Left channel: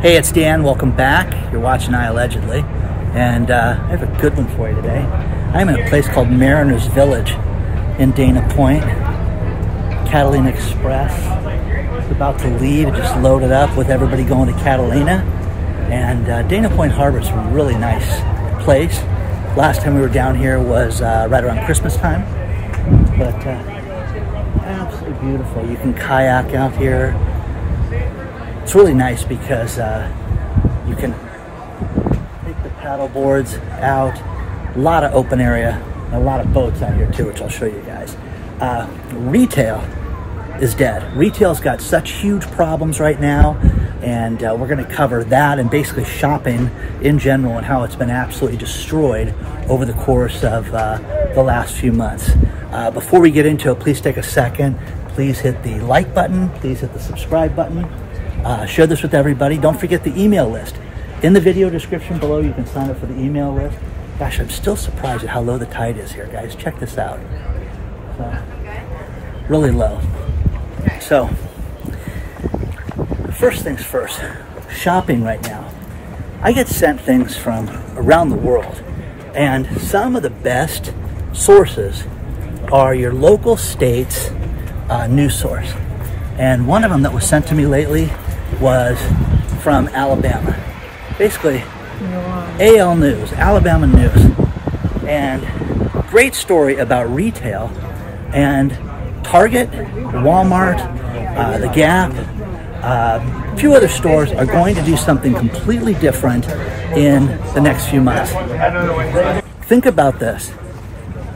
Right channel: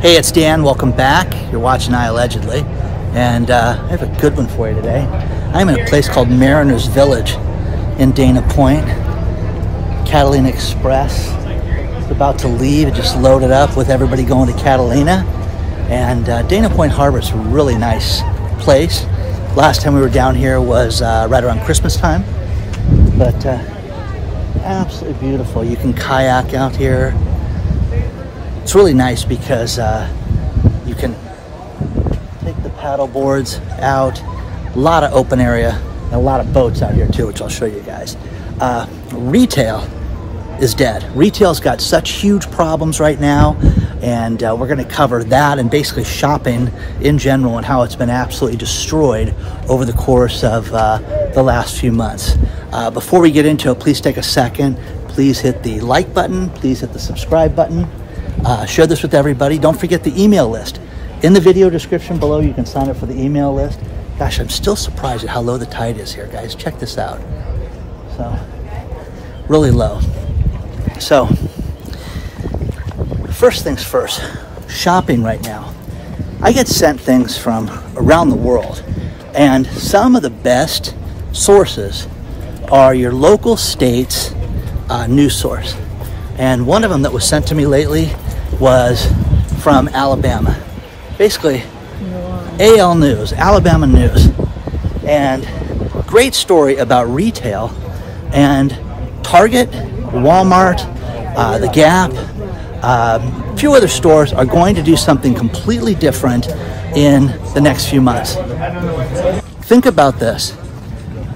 Hey, it's Dan. Welcome back. You're watching iAllegedly, and I have a good one for you today. I'm in a place called Mariners Village in Dana Point. Catalina Express is about to leave. It just loaded up with everybody going to Catalina, and Dana Point Harbor is a really nice place. Last time we were down here was right around Christmas time, but absolutely beautiful. You can kayak out here. It's really nice because you can take the paddle boards out. A lot of open area, and a lot of boats out here too, which I'll show you guys. Retail is dead. Retail's got such huge problems right now, and we're going to cover that and basically shopping in general and how it's been absolutely destroyed over the course of the last few months. Before we get into it, please take a second. Please hit the like button. Please hit the subscribe button. Share this with everybody. Don't forget the email list. In the video description below, you can sign up for the email list. Gosh, I'm still surprised at how low the tide is here, guys. Check this out. So, really low. So, first things first, shopping right now. I get sent things from around the world, and some of the best sources are your local state's news source. And one of them that was sent to me lately was from Alabama. Basically, AL News, Alabama News. And great story about retail, and Target, Walmart, the Gap, a few other stores are going to do something completely different in the next few months. Think about this.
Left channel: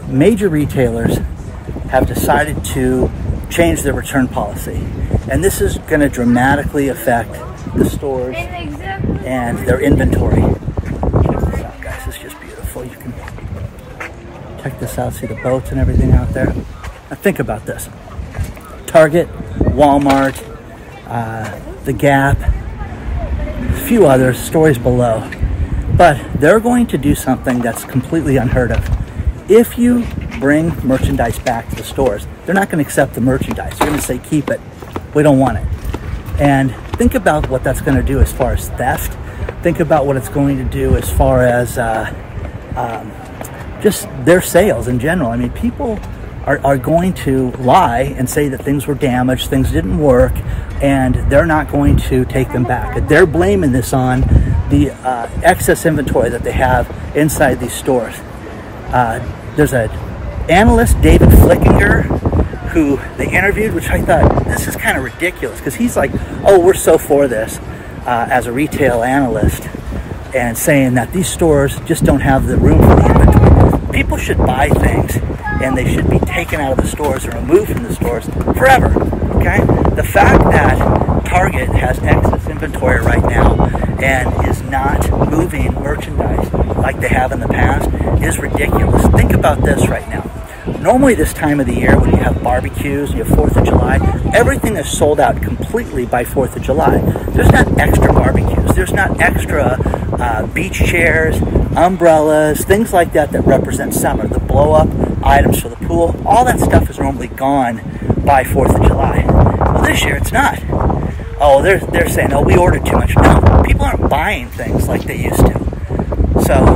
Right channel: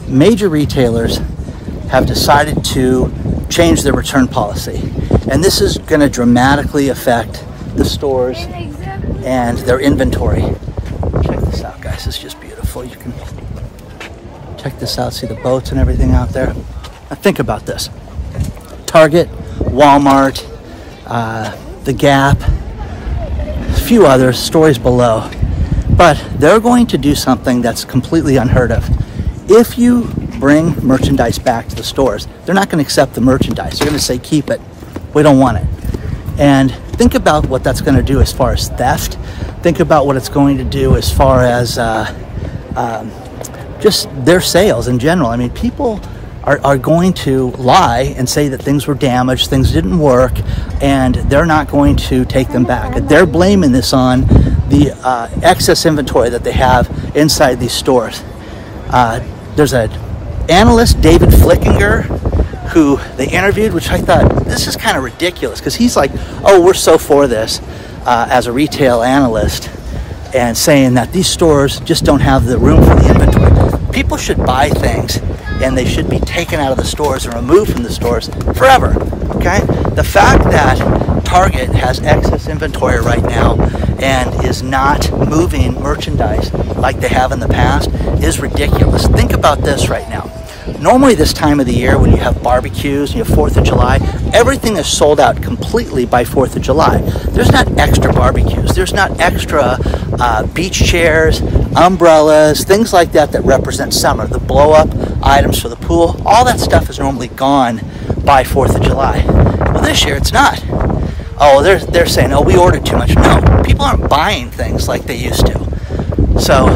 Major retailers have decided to change their return policy, and this is going to dramatically affect the stores and their inventory. Check this out, guys. It's just beautiful. You can check this out, see the boats and everything out there. Now think about this. Target, Walmart, the Gap, a few other stories below, but they're going to do something that's completely unheard of. If you bring merchandise back to the stores, they're not going to accept the merchandise. They're going to say, keep it. We don't want it. And think about what that's going to do as far as theft. Think about what it's going to do as far as just their sales in general. I mean, people are going to lie and say that things were damaged, things didn't work, and they're not going to take them back. They're blaming this on the excess inventory that they have inside these stores. There's an analyst, David Flickinger, who they interviewed, which I thought, this is kind of ridiculous, because he's like, oh, we're so for this as a retail analyst, and saying that these stores just don't have the room for the inventory. People should buy things, and they should be taken out of the stores and removed from the stores forever, okay? The fact that Target has excess inventory right now and is not moving merchandise like they have in the past is ridiculous. Think about this right now. Normally this time of the year, when you have barbecues, you have 4th of July, everything is sold out completely by 4th of July. There's not extra barbecues. There's not extra beach chairs, umbrellas, things like that that represent summer. The blow-up items for the pool, all that stuff is normally gone by 4th of July. Well, this year it's not. Oh, they're saying, oh, we ordered too much. No, people aren't buying things like they used to. So,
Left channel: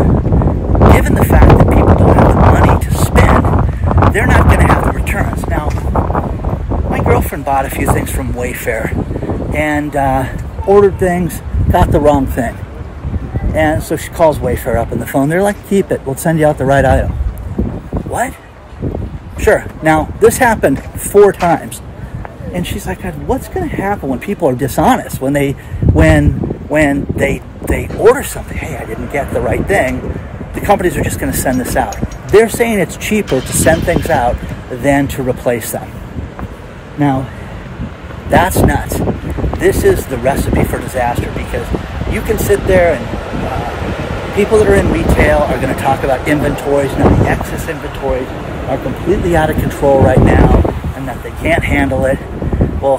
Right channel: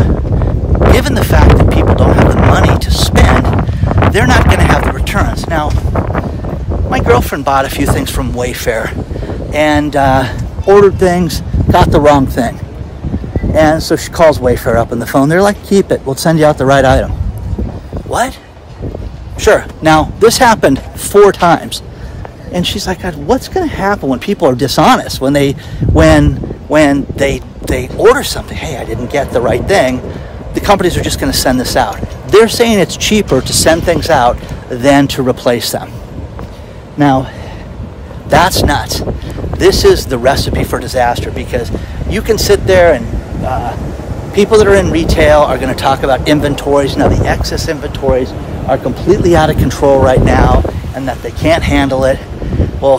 given the fact that people don't have the money to spend, they're not going to have the returns. Now, my girlfriend bought a few things from Wayfair and ordered things, got the wrong thing. And so she calls Wayfair up on the phone. They're like, keep it. We'll send you out the right item. What? Sure. Now, this happened 4 times. And she's like, God, what's going to happen when people are dishonest? When they order something, hey, I didn't get the right thing, the companies are just going to send this out. They're saying it's cheaper to send things out than to replace them. Now, that's nuts. This is the recipe for disaster, because you can sit there and people that are in retail are going to talk about inventories. Now, the excess inventories are completely out of control right now and that they can't handle it. Well,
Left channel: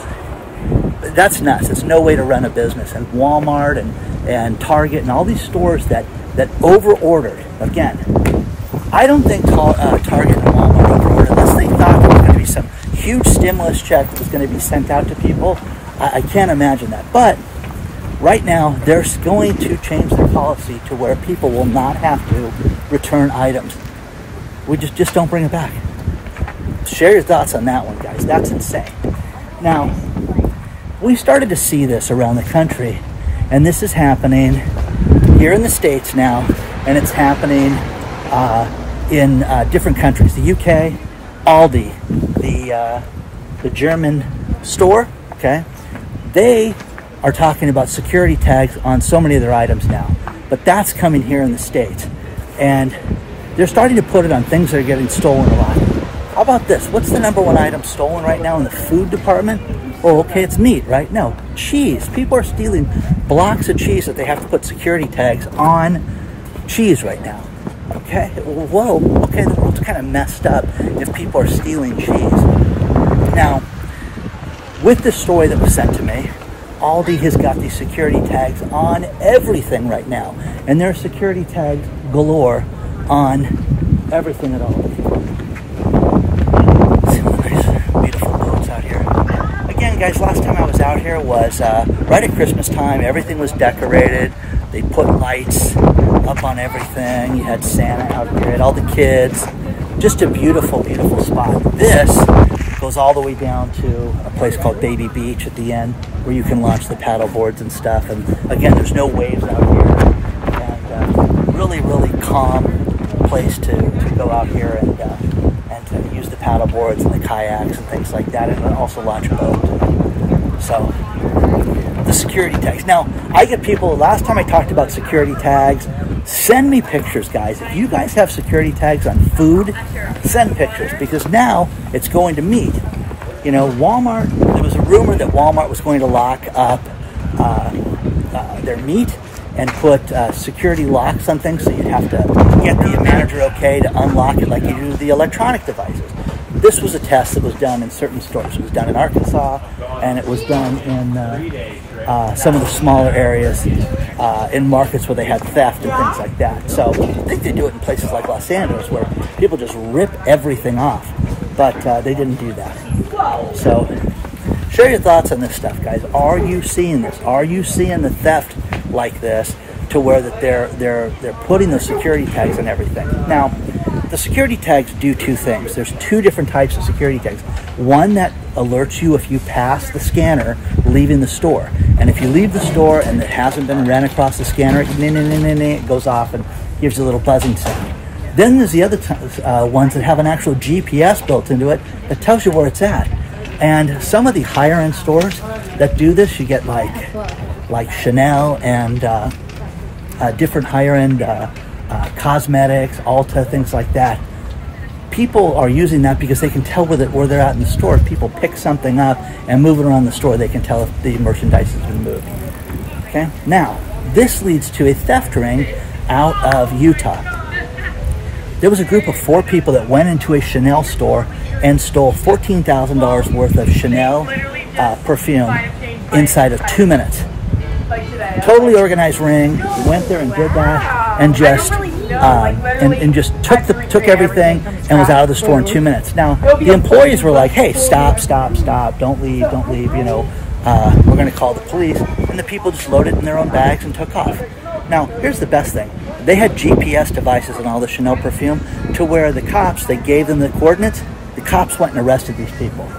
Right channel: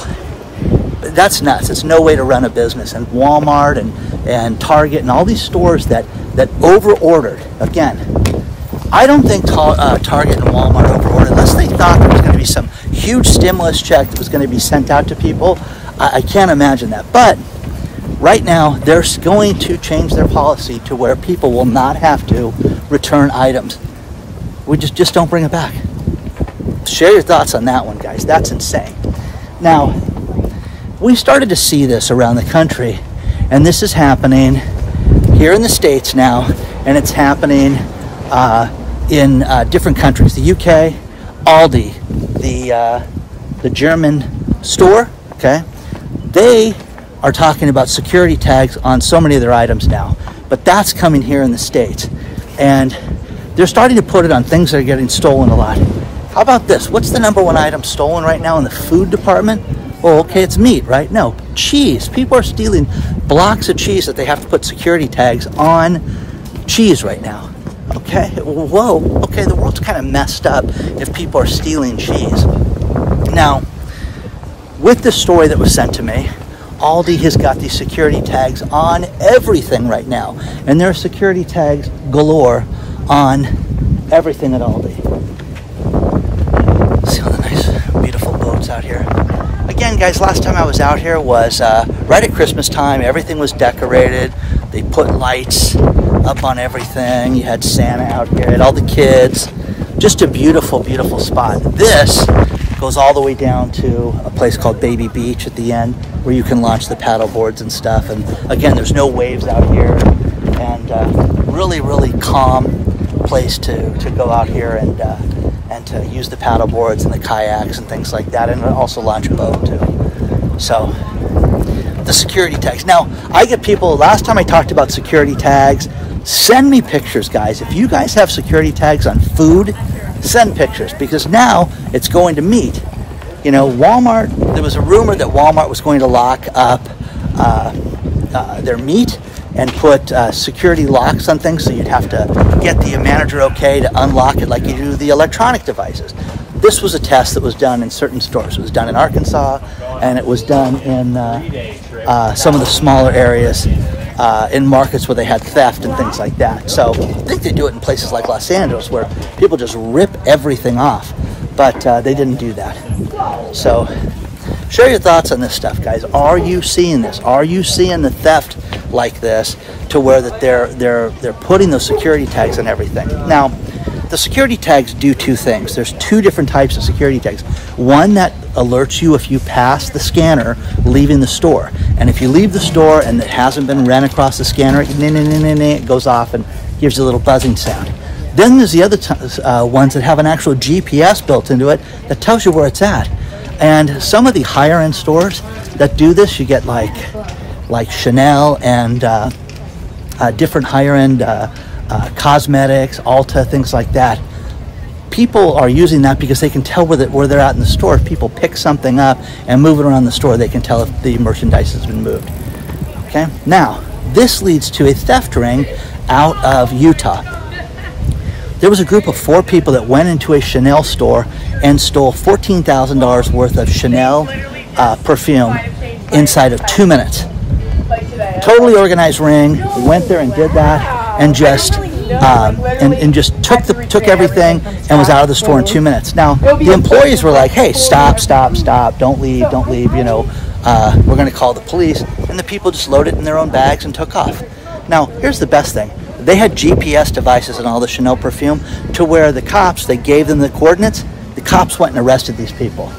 that's nuts. It's no way to run a business. And Walmart and Target and all these stores that over-ordered. Again, I don't think Target and Walmart over-ordered unless they thought there was going to be some huge stimulus check that was going to be sent out to people. I can't imagine that. But right now they're going to change their policy to where people will not have to return items. We just don't bring it back. Share your thoughts on that one, guys. That's insane. Now, we started to see this around the country, and this is happening here in the States now, and it's happening in different countries. The UK, Aldi, the German store, okay, they are talking about security tags on so many of their items now, but that's coming here in the States, and they're starting to put it on things that are getting stolen a lot. How about this? What's the #1 item stolen right now in the food department? Oh, okay, it's meat, right? No, cheese. People are stealing blocks of cheese that they have to put security tags on cheese right now. Okay, whoa, okay, the world's kind of messed up if people are stealing cheese. Now, with this story that was sent to me, Aldi has got these security tags on everything right now, and there are security tags galore on everything at Aldi. See all the nice, beautiful boats out here. Again, guys, last time I was out here was right at Christmas time. Everything was decorated. They put lights up on everything. You had Santa out here, had all the kids. Just a beautiful, beautiful spot. This goes all the way down to a place called Baby Beach at the end, where you can launch the paddle boards and stuff. And again, there's no waves out here, and really, really calm place to go out here and to use the paddle boards and the kayaks and things like that, and also launch a boat too. So the security tags. Now, I get people, last time I talked about security tags, send me pictures, guys. If you guys have security tags on food, send pictures, because now it's going to meat. You know, Walmart, there was a rumor that Walmart was going to lock up their meat and put security locks on things, so you'd have to get the manager okay to unlock it like you do the electronic devices. This was a test that was done in certain stores. It was done in Arkansas, and it was done in some of the smaller areas in markets where they had theft and things like that. So I think they do it in places like Los Angeles, where people just rip everything off, but they didn't do that. So share your thoughts on this stuff, guys. Are you seeing this? Are you seeing the theft like this, to where that they're putting those security tags on everything? Now, the security tags do two things. There's two different types of security tags. One that alerts you if you pass the scanner leaving the store, and if you leave the store and it hasn't been ran across the scanner, it goes off and gives you a little buzzing sound. Then there's the other ones that have an actual GPS built into it that tells you where it's at. And some of the higher end stores that do this, you get like Chanel and different higher end cosmetics, Ulta, things like that. People are using that because they can tell where they're at in the store. If people pick something up and move it around the store, they can tell if the merchandise has been moved. Okay, now this leads to a theft ring out of Utah. There was a group of 4 people that went into a Chanel store and stole $14,000 worth of Chanel perfume inside of 2 minutes. Totally organized ring. We went there and did that, and just took everything and was out of the store in 2 minutes. Now the employees were like, "Hey, stop! Don't leave! You know, we're going to call the police." And the people just loaded it in their own bags and took off. Now, here's the best thing. They had GPS devices in all the Chanel perfume, to where the cops, they gave them the coordinates. The cops went and arrested these people.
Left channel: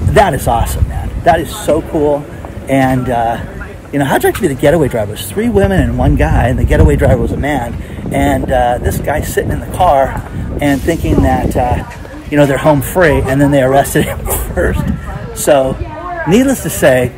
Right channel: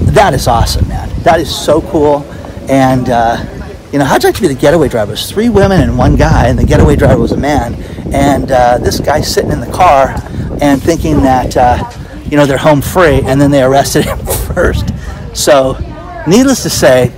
That is awesome, man. That is so cool. And, you know, how'd you like to be the getaway driver? There's 3 women and 1 guy, and the getaway driver was a man. And this guy's sitting in the car and thinking that, you know, they're home free, and then they arrested him first. So, needless to say,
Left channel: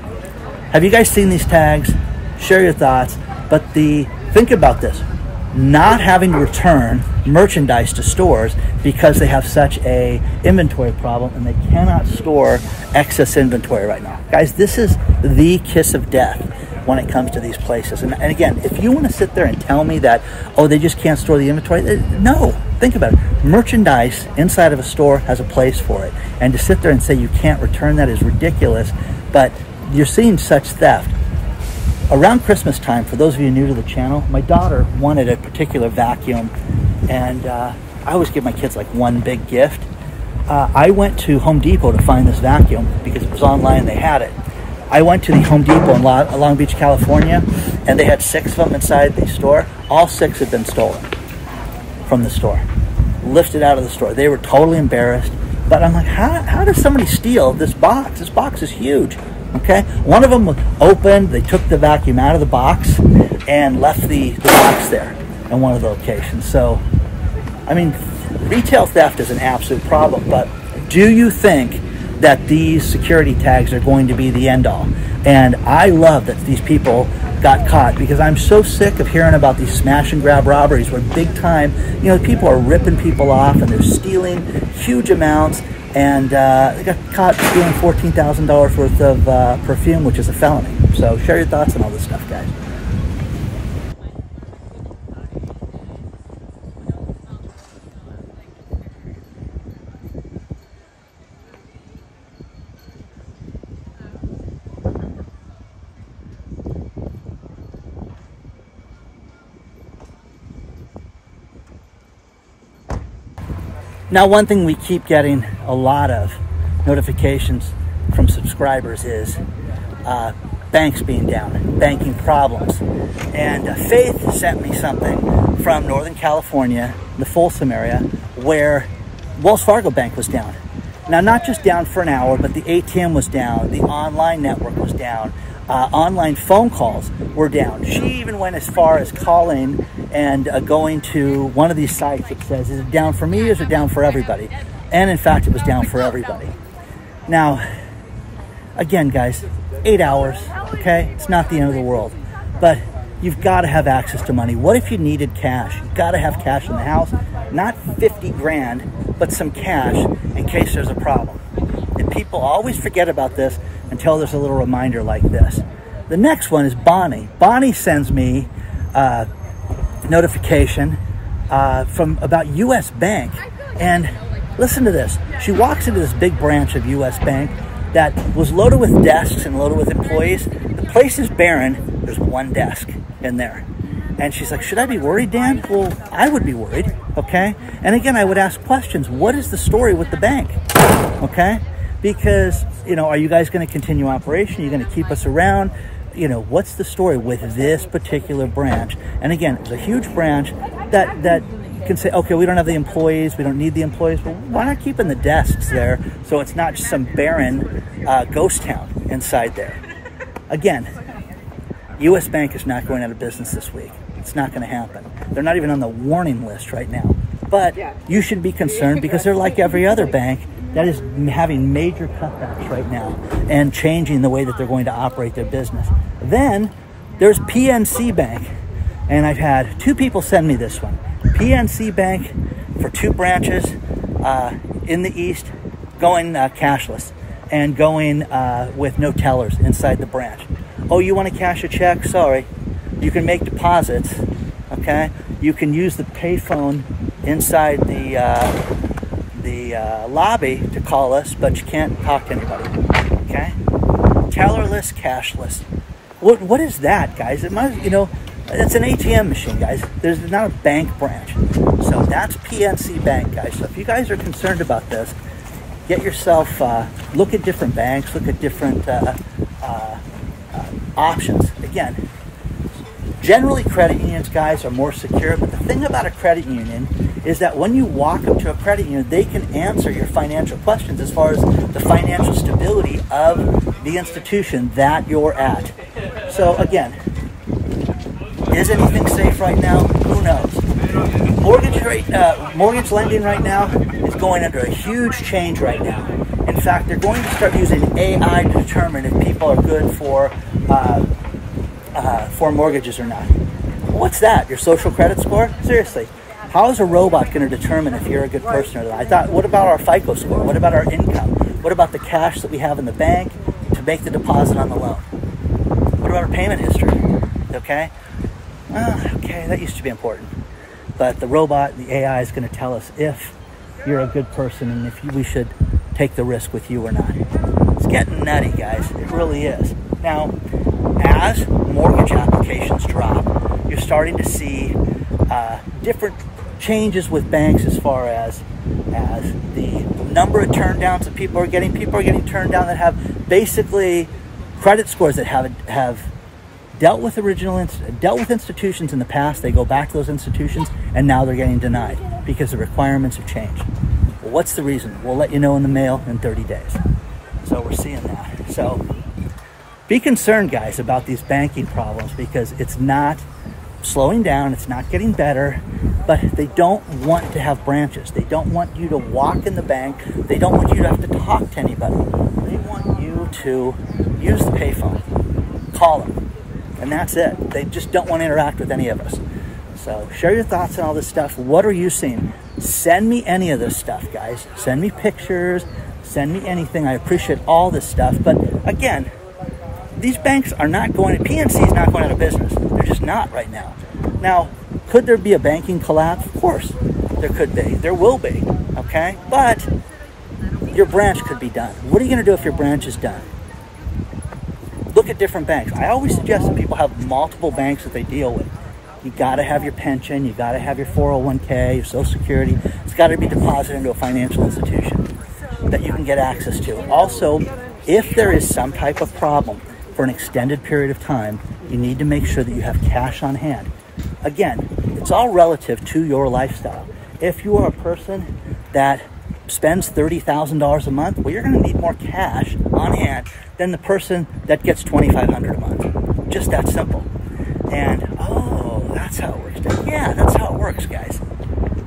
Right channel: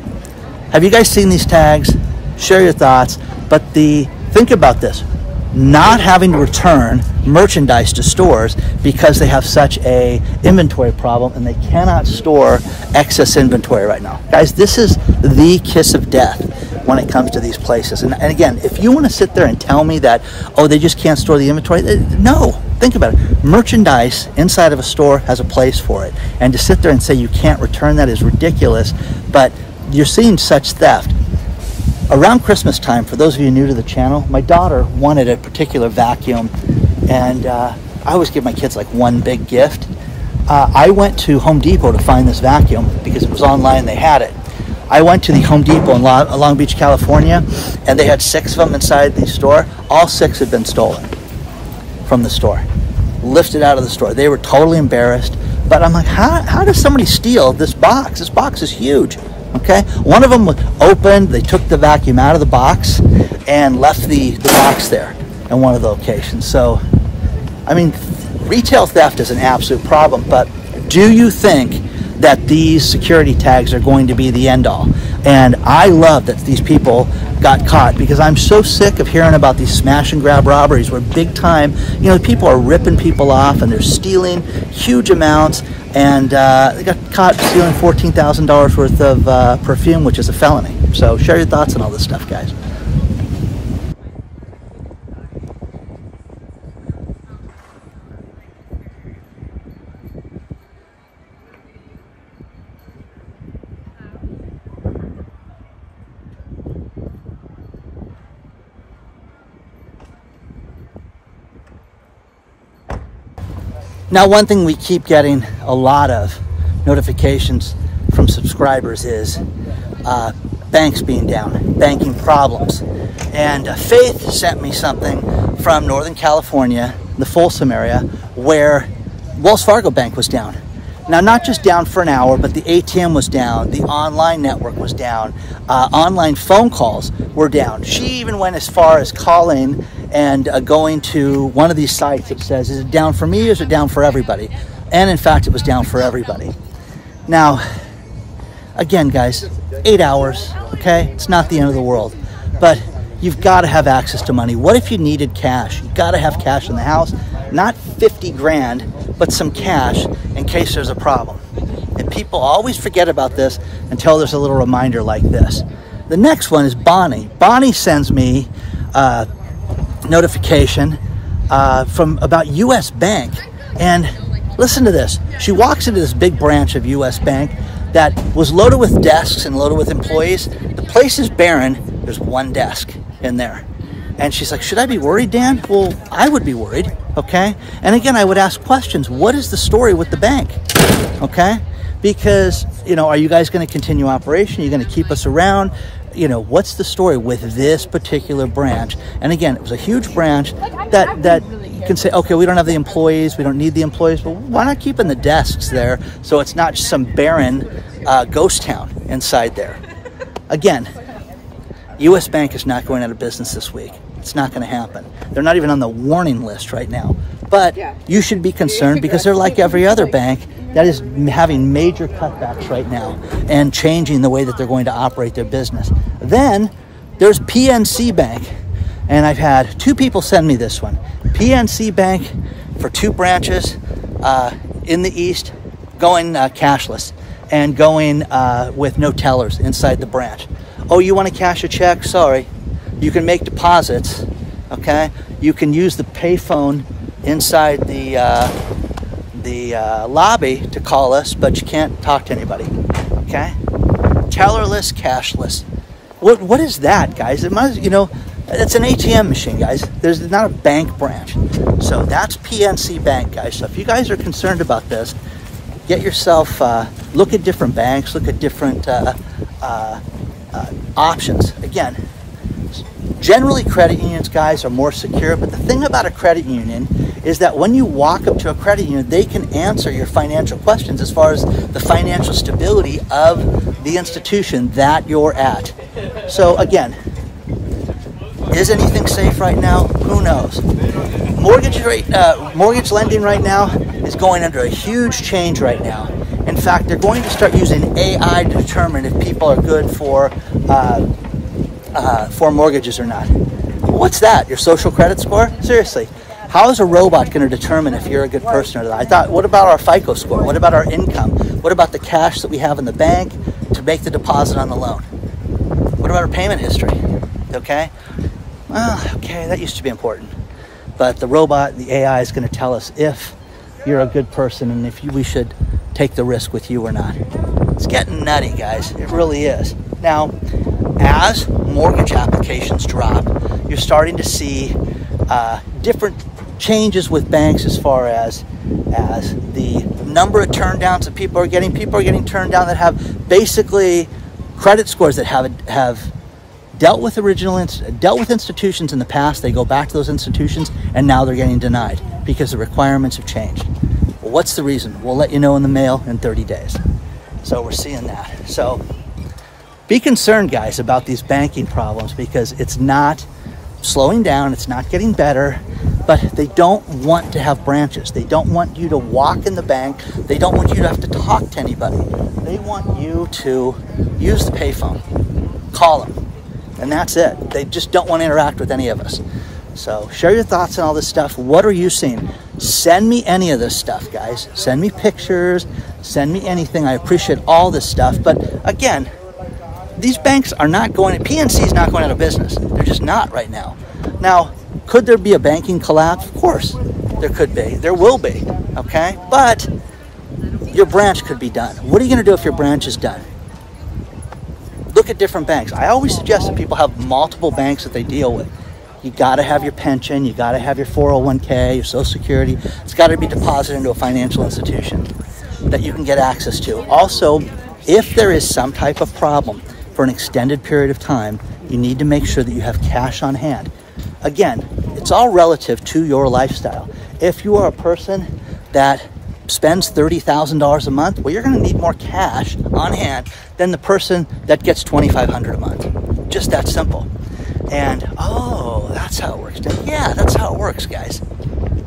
have you guys seen these tags? Share your thoughts. But think about this. Not having to return merchandise to stores because they have such a inventory problem and they cannot store excess inventory right now. Guys, this is the kiss of death when it comes to these places. And again, if you want to sit there and tell me that, oh, they just can't store the inventory, no. Think about it. Merchandise inside of a store has a place for it. And to sit there and say you can't return that is ridiculous, but you're seeing such theft. Around Christmas time, for those of you new to the channel, my daughter wanted a particular vacuum, and I always give my kids like one big gift. I went to Home Depot to find this vacuum because it was online, they had it. I went to the Home Depot in Long Beach, California, and they had 6 of them inside the store. All 6 had been stolen from the store, lifted out of the store. They were totally embarrassed. But I'm like, how does somebody steal this box? This box is huge, okay? One of them opened, they took the vacuum out of the box and left the box there in one of the locations. So, I mean, retail theft is an absolute problem, but do you think that these security tags are going to be the end all? And I love that these people got caught, because I'm so sick of hearing about these smash and grab robberies where big time, you know, people are ripping people off and they're stealing huge amounts, and they got caught stealing $14,000 worth of perfume, which is a felony. So share your thoughts on all this stuff, guys. Now, one thing we keep getting a lot of notifications from subscribers is banks being down, banking problems. And Faith sent me something from Northern California, the Folsom area, where Wells Fargo Bank was down. Now, not just down for an hour, but the ATM was down, the online network was down, online phone calls were down. She even went as far as calling and going to one of these sites that says, is it down for me or is it down for everybody? And in fact, it was down for everybody. Now, again, guys, 8 hours, okay? It's not the end of the world, but you've got to have access to money. What if you needed cash? You've got to have cash in the house, not 50 grand, but some cash in case there's a problem. And people always forget about this until there's a little reminder like this. The next one is Bonnie. Bonnie sends me a notification from about U.S. Bank. And listen to this. She walks into this big branch of U.S. Bank that was loaded with desks and loaded with employees. The place is barren. There's one desk in there. And she's like, should I be worried, Dan? Well, I would be worried, okay? And again, I would ask questions. What is the story with the bank, okay? Because, you know, are you guys going to continue operation? Are you going to keep us around? You know, what's the story with this particular branch? And again, it was a huge branch that you can say, okay, we don't have the employees. We don't need the employees. Well, why not keeping the desks there so it's not just some barren ghost town inside there? Again, U.S. Bank is not going out of business this week. It's not going to happen. They're not even on the warning list right now. But you should be concerned because they're like every other bank that is having major cutbacks right now and changing the way that they're going to operate their business. Then there's PNC Bank. And I've had 2 people send me this one. PNC Bank for 2 branches in the east going cashless and going with no tellers inside the branch. Oh, you want to cash a check? Sorry. You can make deposits, okay? You can use the payphone inside the lobby to call us, but you can't talk to anybody, okay? Tellerless, cashless. What is that, guys? It must, you know, it's an ATM machine, guys. There's not a bank branch. So that's PNC Bank, guys. So if you guys are concerned about this, get yourself, look at different banks, look at different options. Again, generally credit unions, guys, are more secure, but the thing about a credit union is that when you walk up to a credit union, they can answer your financial questions as far as the financial stability of the institution that you're at. So again, is anything safe right now? Who knows? Mortgage lending right now is going under a huge change right now. In fact, they're going to start using AI to determine if people are good for mortgages or not. What's that? Your social credit score? Seriously, how is a robot going to determine if you're a good person or not? I thought, what about our FICO score? What about our income? What about the cash that we have in the bank to make the deposit on the loan? What about our payment history? Okay? Well, okay, that used to be important. But the robot, the AI, is going to tell us if you're a good person and if we should take the risk with you or not. It's getting nutty, guys. It really is. Now, as mortgage applications drop, you're starting to see different changes with banks as far as the number of turndowns that people are getting. People are getting turned down that have basically credit scores that have dealt with institutions in the past. They go back to those institutions, and now they're getting denied because the requirements have changed. Well, what's the reason? We'll let you know in the mail in 30 days. So we're seeing that. So be concerned, guys, about these banking problems, because it's not slowing down, it's not getting better, but they don't want to have branches. They don't want you to walk in the bank. They don't want you to have to talk to anybody. They want you to use the payphone, call them, and that's it. They just don't want to interact with any of us. So share your thoughts on all this stuff. What are you seeing? Send me any of this stuff, guys. Send me pictures, send me anything. I appreciate all this stuff. But again, these banks are not going, PNC is not going out of business. They're just not right now. Now, could there be a banking collapse? Of course, there could be. There will be, okay? But your branch could be done. What are you going to do if your branch is done? Look at different banks. I always suggest that people have multiple banks that they deal with. You got to have your pension. You got to have your 401k, your Social Security. It's got to be deposited into a financial institution that you can get access to. Also, if there is some type of problem for an extended period of time, you need to make sure that you have cash on hand. Again, it's all relative to your lifestyle. If you are a person that spends $30,000 a month, well, you're going to need more cash on hand than the person that gets $2,500 a month. Just that simple. And, oh, that's how it works. Yeah, that's how it works, guys.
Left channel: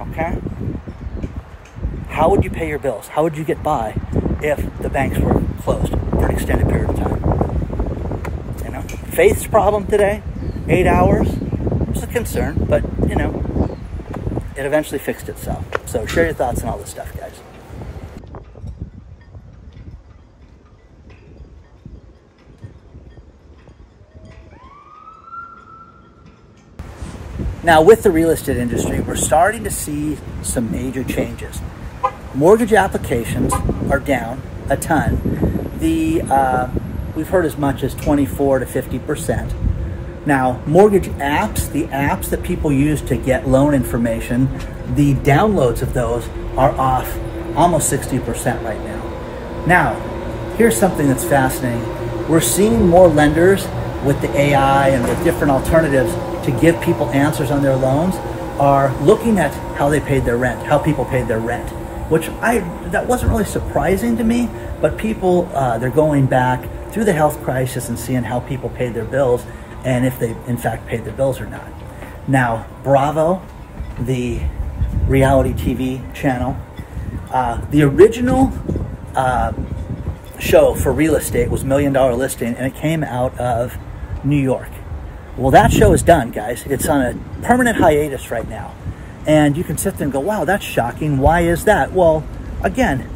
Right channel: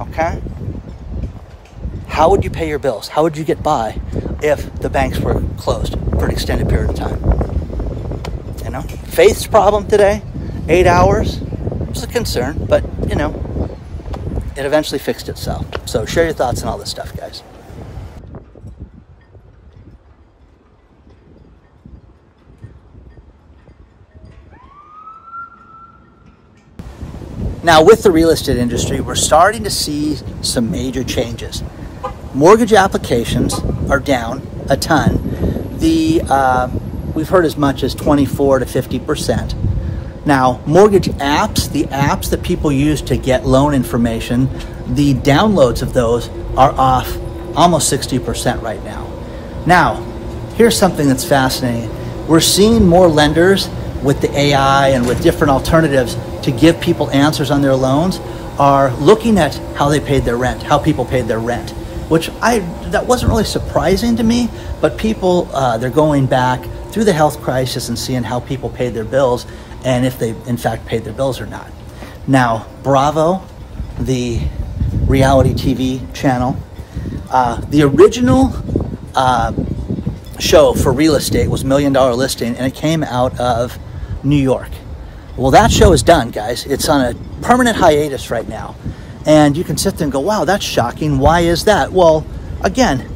Okay? How would you pay your bills? How would you get by if the banks were closed for an extended period of time? You know, Faith's problem today, 8 hours, was a concern, but, you know, it eventually fixed itself. So share your thoughts on all this stuff, guys. Now, with the real estate industry, we're starting to see some major changes. Mortgage applications are down a ton. We've heard as much as 24 to 50%. Now, mortgage apps, the apps that people use to get loan information, the downloads of those are off almost 60% right now. Now, here's something that's fascinating. We're seeing more lenders with the AI and with different alternatives to give people answers on their loans are looking at how they paid their rent, how people paid their rent, which that wasn't really surprising to me, but people, they're going back through the health crisis and seeing how people paid their bills and if they in fact paid their bills or not. Now, Bravo, the reality TV channel, the original show for real estate was $1 Million Listing, and it came out of New York. Well, that show is done, guys. It's on a permanent hiatus right now. And you can sit there and go, wow, that's shocking. Why is that? Well, again,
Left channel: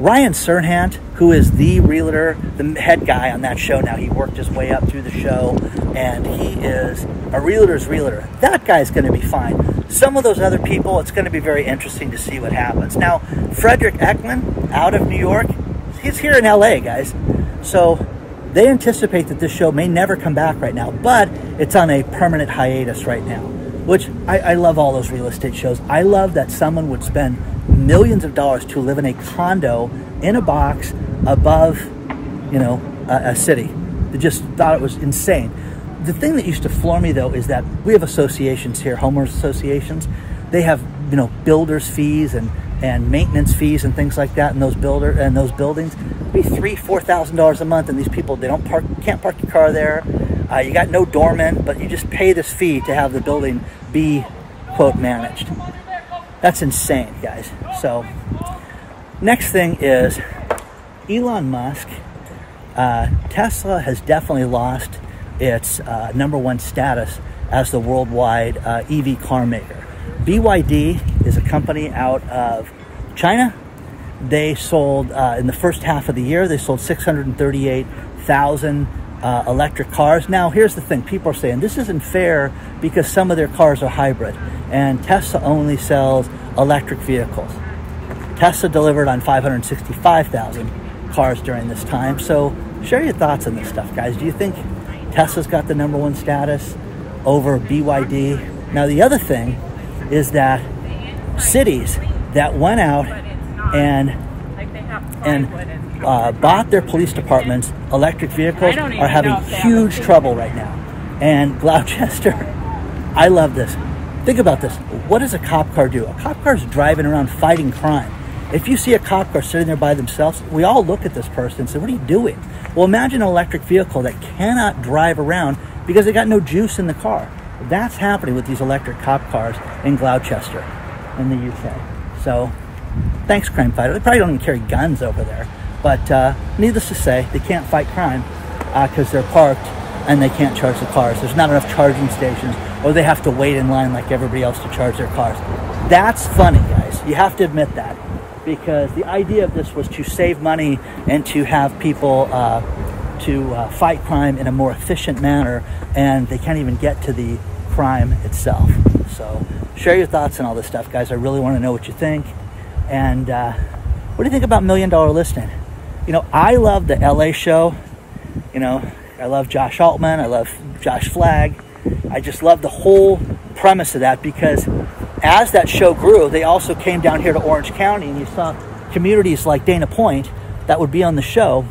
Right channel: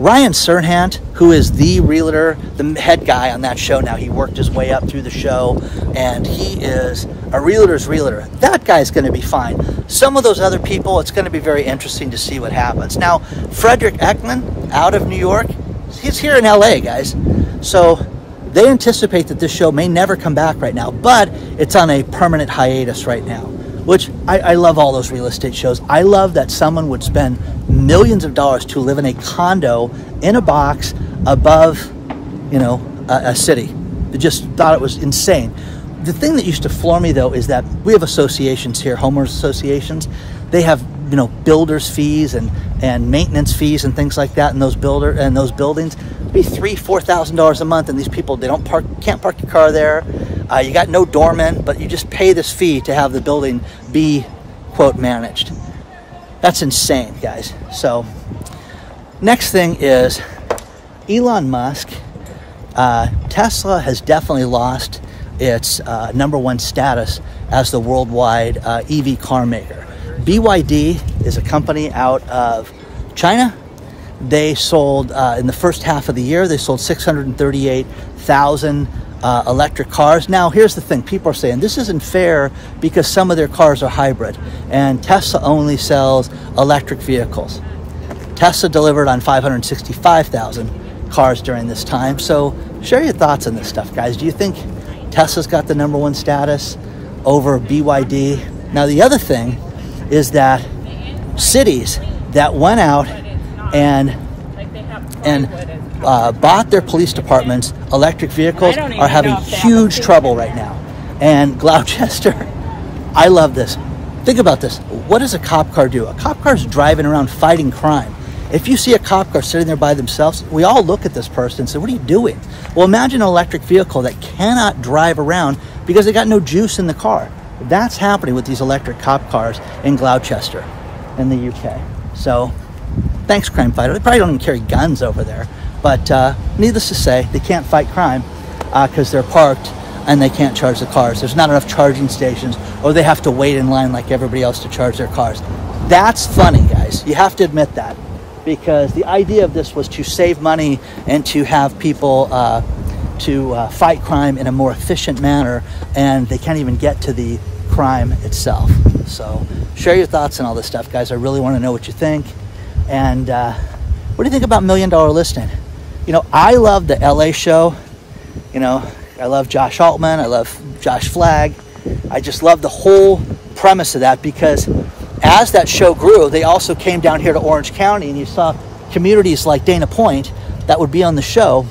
Ryan Serhant, who is the realtor, the head guy on that show now, he worked his way up through the show, and he is a realtor's realtor. That guy's going to be fine. Some of those other people, it's going to be very interesting to see what happens. Now, Frederick Ekman, out of New York, he's here in LA, guys. So they anticipate that this show may never come back right now, but it's on a permanent hiatus right now, which I love all those real estate shows. I love that someone would spend millions of dollars to live in a condo in a box above, you know, a city. They just thought it was insane. The thing that used to floor me, though, is that we have associations here, homeowners associations. They have, you know, builders fees and maintenance fees and things like that in those buildings. It'd be $3,000–4,000 a month, and these people, they can't park your car there. You got no doorman, but you just pay this fee to have the building be, quote, managed. That's insane, guys. So, next thing is Elon Musk. Tesla has definitely lost its #1 status as the worldwide EV car maker. BYD is a company out of China. They sold, in the first half of the year, they sold 638,000 electric cars. Now, here's the thing. People are saying this isn't fair because some of their cars are hybrid, and Tesla only sells electric vehicles. Tesla delivered on 565,000 cars during this time. So share your thoughts on this stuff, guys. Do you think Tesla's got the #1 status over BYD? Now, the other thing is that cities that went out and bought their police departments electric vehicles are having huge trouble right now. And Gloucester, I love this. Think about this. What does a cop car do? A cop car is driving around fighting crime. If you see a cop car sitting there by themselves, we all look at this person and say, what are you doing? Well, imagine an electric vehicle that cannot drive around because they got no juice in the car. That's happening with these electric cop cars in Gloucester in the UK. So thanks, crime fighter. They probably don't even carry guns over there. But needless to say, they can't fight crime because they're parked and they can't charge the cars. There's not enough charging stations, or they have to wait in line like everybody else to charge their cars. That's funny, guys. You have to admit that, because the idea of this was to save money and to have people fight crime in a more efficient manner, and they can't even get to the crime itself. So share your thoughts on all this stuff, guys. I really want to know what you think. And what do you think about $1 Million Listing? You know, I love the LA show. You know, I love Josh Altman. I love Josh Flagg. I just love the whole premise of that, because as that show grew, they also came down here to Orange County, and you saw communities like Dana Point that would be on the show.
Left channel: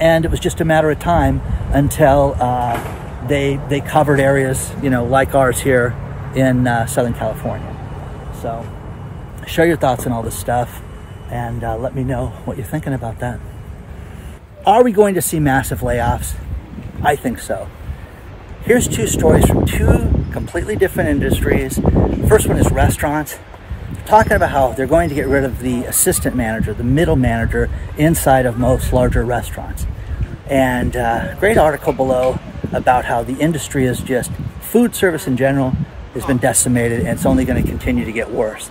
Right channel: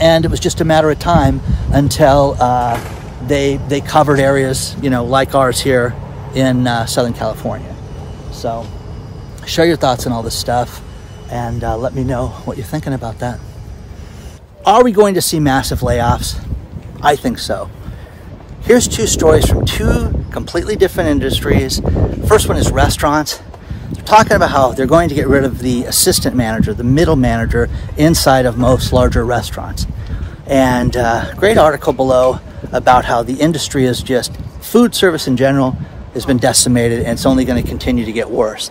And it was just a matter of time until they covered areas, you know, like ours here in Southern California. So share your thoughts on all this stuff, and let me know what you're thinking about that. Are we going to see massive layoffs? I think so. Here's two stories from two completely different industries. First one is restaurants. They're talking about how they're going to get rid of the assistant manager, the middle manager inside of most larger restaurants. And great article below about how the industry is just, food service in general has been decimated, and it's only going to continue to get worse.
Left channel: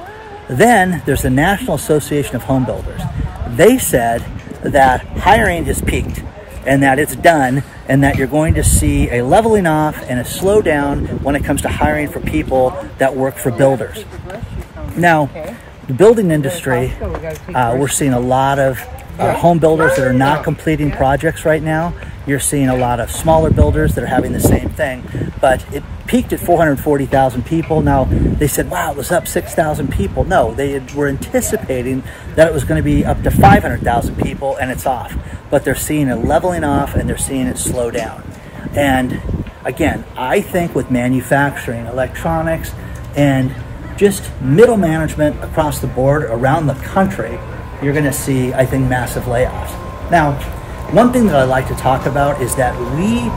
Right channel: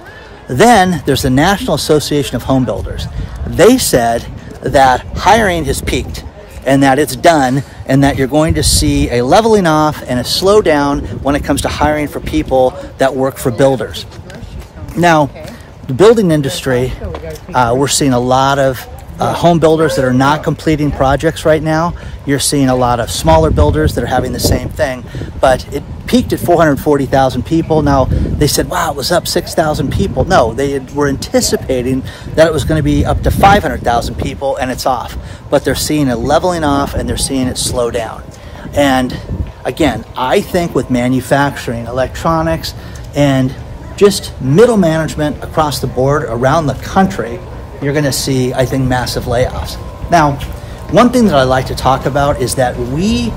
Then there's the National Association of Home Builders. They said that hiring has peaked and that it's done, and that you're going to see a leveling off and a slowdown when it comes to hiring for people that work for builders. Now, the building industry, we're seeing a lot of home builders that are not completing projects right now. You're seeing a lot of smaller builders that are having the same thing, but it peaked at 440,000 people. Now, they said, wow, it was up 6,000 people. No, they were anticipating that it was going to be up to 500,000 people, and it's off. But they're seeing a leveling off, and they're seeing it slow down. And again, I think with manufacturing, electronics, and just middle management across the board around the country, you're going to see, I think, massive layoffs. Now, one thing that I like to talk about is that we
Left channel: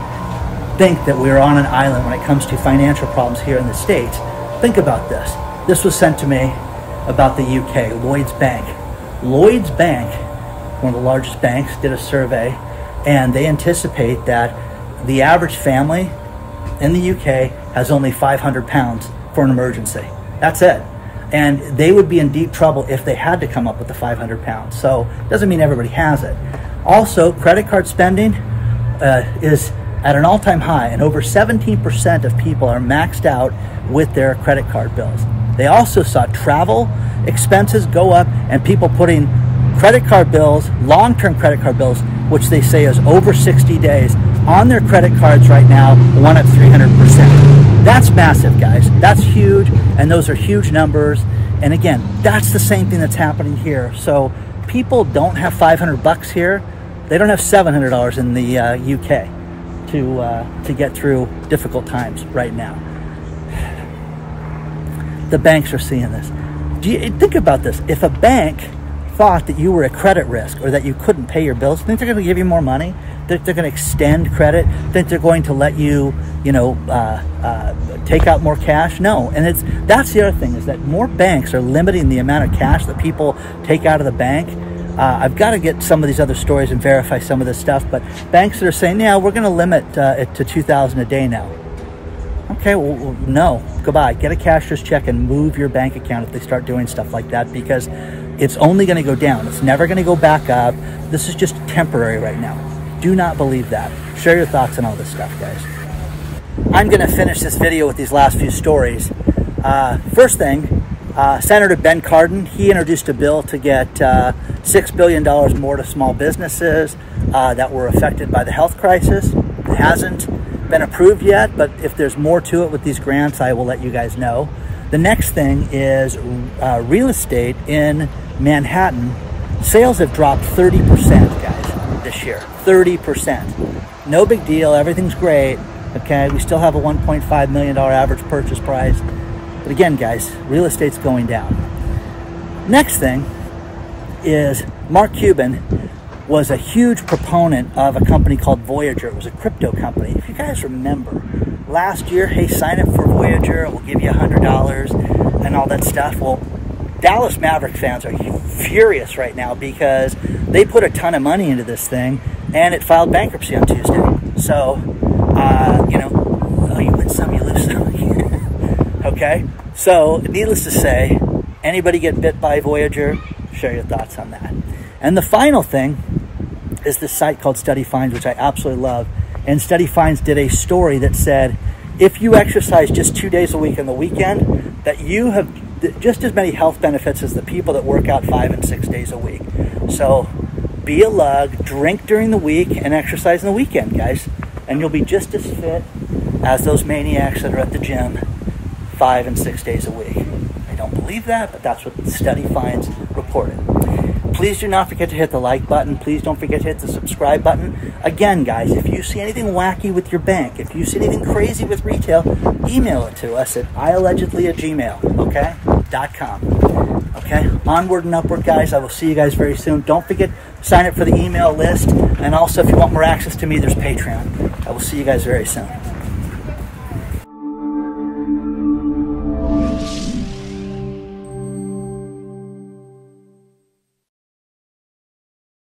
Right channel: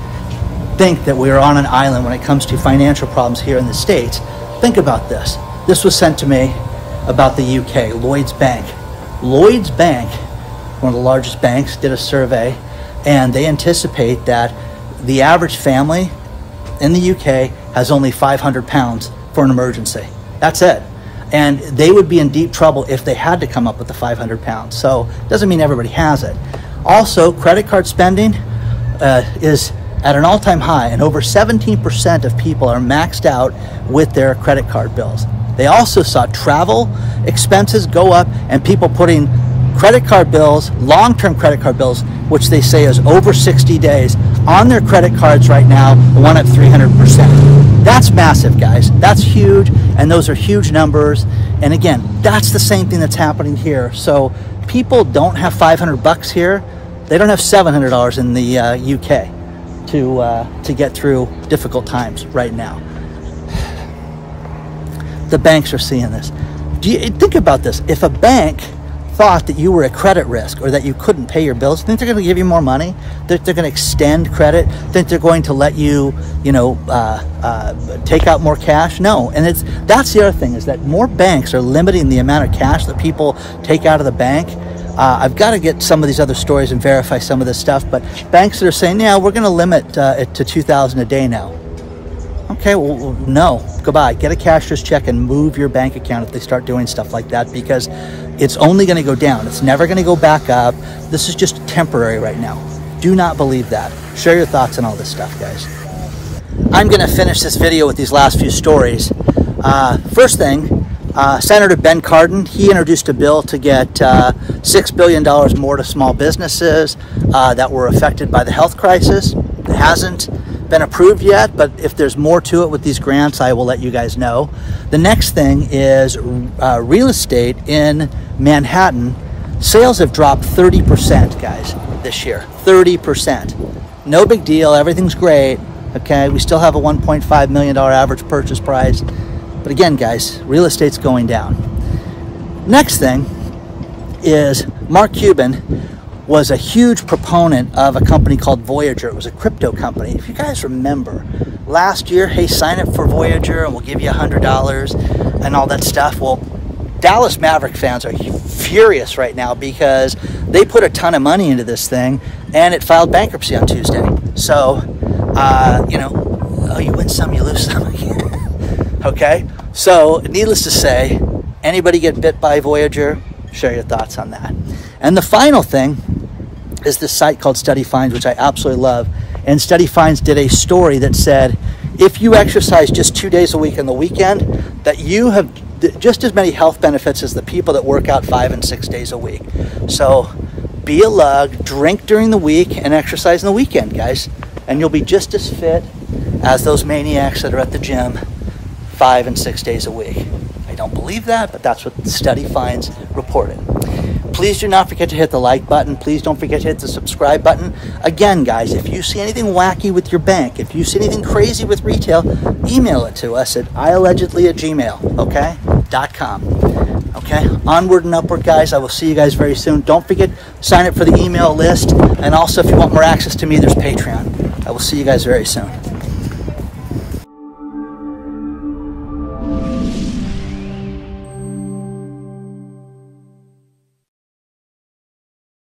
think that we're on an island when it comes to financial problems here in the States. Think about this. This was sent to me about the UK, Lloyds Bank. Lloyds Bank, one of the largest banks, did a survey, and they anticipate that the average family in the UK has only 500 pounds for an emergency. That's it. And they would be in deep trouble if they had to come up with the 500 pounds. So it doesn't mean everybody has it. Also, credit card spending is at an all-time high, and over 17% of people are maxed out with their credit card bills. They also saw travel expenses go up, and people putting credit card bills, long-term credit card bills, which they say is over 60 days, on their credit cards right now, the one up 300%. That's massive, guys. That's huge, and those are huge numbers. And again, that's the same thing that's happening here. So people don't have 500 bucks here. They don't have $700 in the UK to get through difficult times right now. The banks are seeing this. Do you think about this? If a bank thought that you were a credit risk or that you couldn't pay your bills, think they're going to give you more money? Think they're going to extend credit? Think they're going to let you, take out more cash? No. And that's the other thing, is that more banks are limiting the amount of cash that people take out of the bank. I've got to get some of these other stories and verify some of this stuff, but banks that are saying, yeah, we're going to limit it to $2,000 a day now. Okay, well, no, goodbye. Get a cashier's check and move your bank account if they start doing stuff like that, because it's only going to go down. It's never going to go back up. This is just temporary right now. Do not believe that. Share your thoughts on all this stuff, guys. I'm going to finish this video with these last few stories. First thing, Senator Ben Cardin, he introduced a bill to get $6 billion more to small businesses that were affected by the health crisis. It hasn't been approved yet, but if there's more to it with these grants, I will let you guys know. The next thing is real estate in Manhattan Sales have dropped 30%, guys, this year. 30%. No big deal. Everything's great. Okay, we still have a $1.5 million average purchase price. But again, guys, real estate's going down. Next thing is Mark Cuban was a huge proponent of a company called Voyager. It was a crypto company. If you guys remember, last year, hey, sign up for Voyager and we'll give you $100 and all that stuff. Well, Dallas Maverick fans are furious right now because they put a ton of money into this thing and it filed bankruptcy on Tuesday. So, you know, oh, you win some, you lose some. Okay? So, needless to say, anybody get bit by Voyager? Share your thoughts on that. And the final thing is this site called Study Finds, which I absolutely love. And Study Finds did a story that said, if you exercise just 2 days a week on the weekend, that you have just as many health benefits as the people that work out 5 and 6 days a week. So be a lug, drink during the week, and exercise on the weekend, guys. And you'll be just as fit as those maniacs that are at the gym 5 and 6 days a week. I don't believe that, but that's what Study Finds reported. Please do not forget to hit the like button. Please don't forget to hit the subscribe button. Again, guys, if you see anything wacky with your bank, if you see anything crazy with retail, email it to us at iAllegedly@gmail, okay? .com. Okay? Onward and upward, guys. I will see you guys very soon. Don't forget, sign up for the email list. And also, if you want more access to me, there's Patreon. I will see you guys very soon.